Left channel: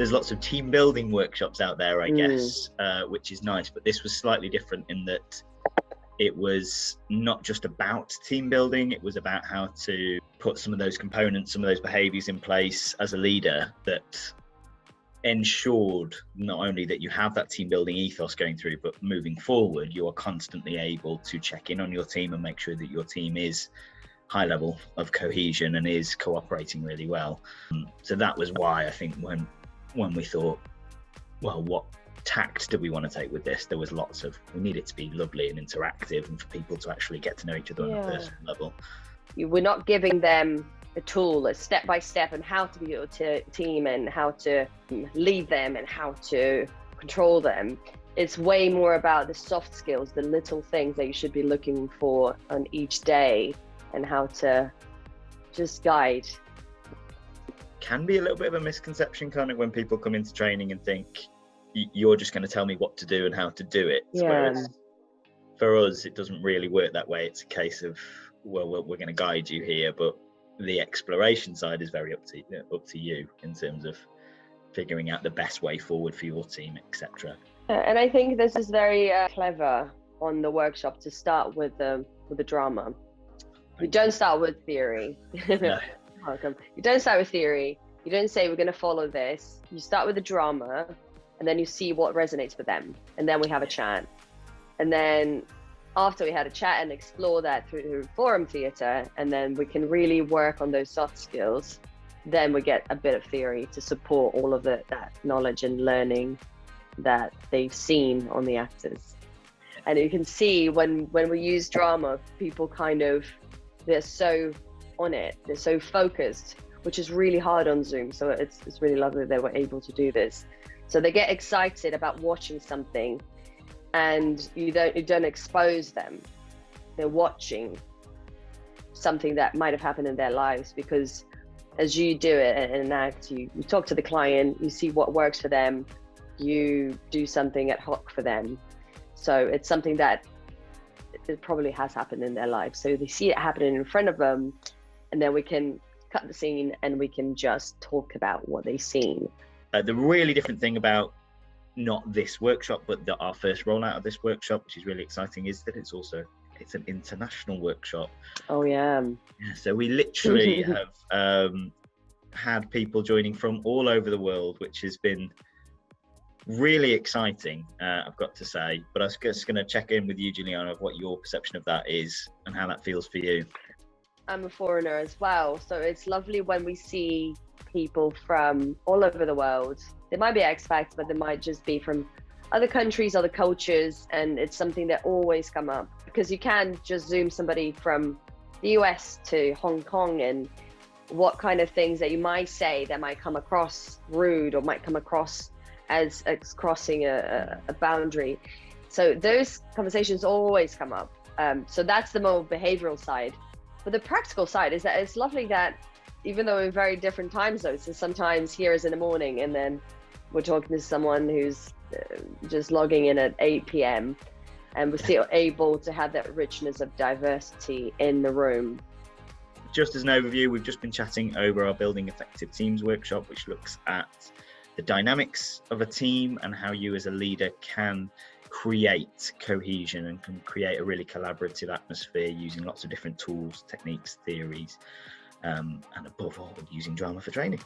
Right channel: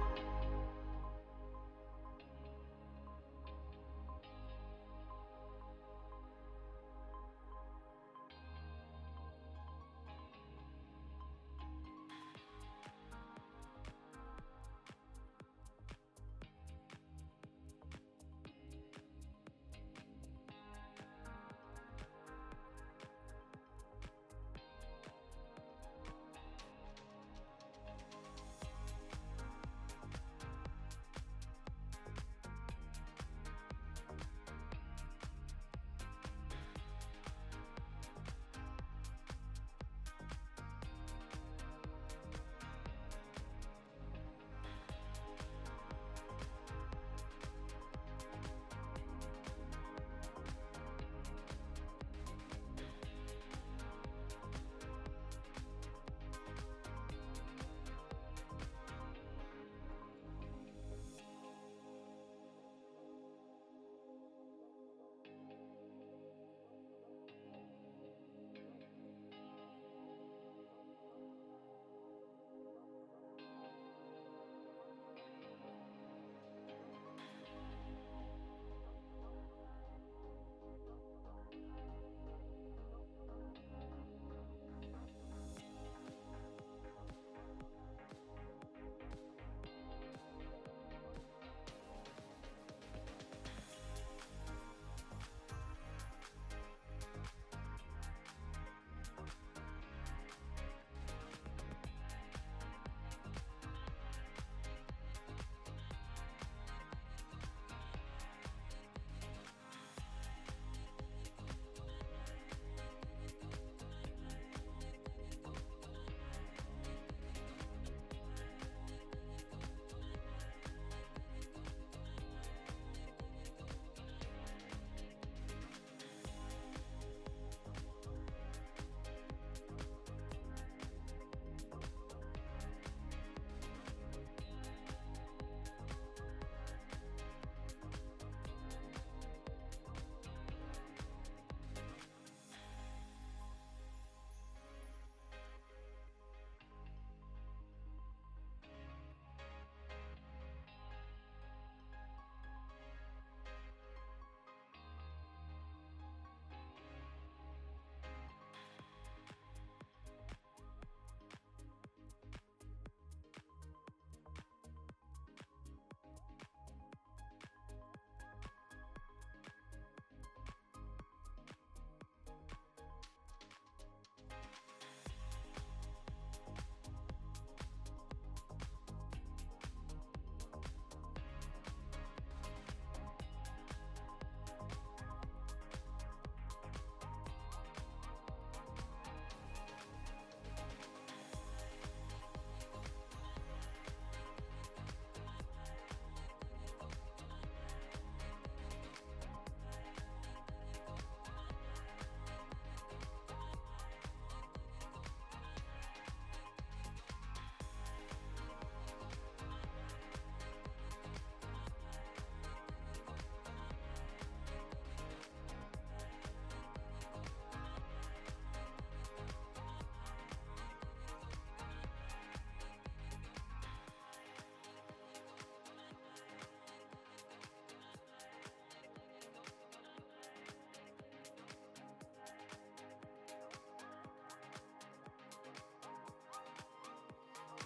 there's lots of team building workshops out there, I guess, which is nice. But this was slightly different in that it was not just about team building, it was about how to put some of those components, some of those behaviors in place as a leader that ensured not only that you have that team building ethos going through, but moving forward, you are constantly able to check in on your team and make sure that your team is high level of cohesion and is cooperating really well. So that was why I think when we thought, well, what tact do we want to take with this? There was lots of, we need it to be lovely and interactive and for people to actually get to know each other on a personal level. We're not giving them a tool, a step-by-step on how to be your team and how to lead them and how to control them. It's way more about the soft skills, the little things that you should be looking for on each day and how to just guide. Can be a little bit of a misconception kind of when people come into training and think you're just going to tell me what to do and how to do it. Whereas for us, it doesn't really work that way. It's a case of, well, we're going to guide you here, but the exploration side is very up to you in terms of figuring out the best way forward for your team, etc. And I think this is very clever on the workshop to start with the drama. You don't start with theory. No. Welcome. You don't start with theory. You don't say we're going to follow this. You start with the drama, and then you see what resonates with them, and then we have a chat, and then after we had a chat and explore that through forum theatre, and then we can really work on those soft skills, then we get a bit of theory to support all of that knowledge and learning that they've seen on the actors. And you can see when we use drama, people they're so on it, they're so focused, which is really hard on Zoom. So it's really lovely they were able to do this. So they get excited about watching something, and you don't expose them. They're watching something that might have happened in their lives, because as you do it in an act, you talk to the client, you see what works for them, you do something ad hoc for them. So it's something that it probably has happened in their life. So they see it happening in front of them, and then we can cut the scene and we can just talk about what they've seen. The really different thing about not this workshop, but our first rollout of this workshop, which is really exciting, is that it's an international workshop. Oh yeah. So we literally have had people joining from all over the world, which has been really exciting, I've got to say. But I was just going to check in with you, Juliana, of what your perception of that is and how that feels for you. I'm a foreigner as well, so it's lovely when we see people from all over the world. They might be expats, but they might just be from other countries, other cultures, and it's something that always come up, because you can't just Zoom somebody from the US to Hong Kong, and what kind of things that you might say that might come across rude or might come across as crossing a boundary. So those conversations always come up. So that's the more behavioral side. But the practical side is that it's lovely that even though we're in very different time zones, so sometimes here is in the morning and then we're talking to someone who's just logging in at 8 p.m. and we're still able to have that richness of diversity in the room. Just as an overview, we've just been chatting over our Building Effective Teams workshop, which looks at the dynamics of a team and how you as a leader can create cohesion and can create a really collaborative atmosphere using lots of different tools, techniques, theories, and above all, using drama for training.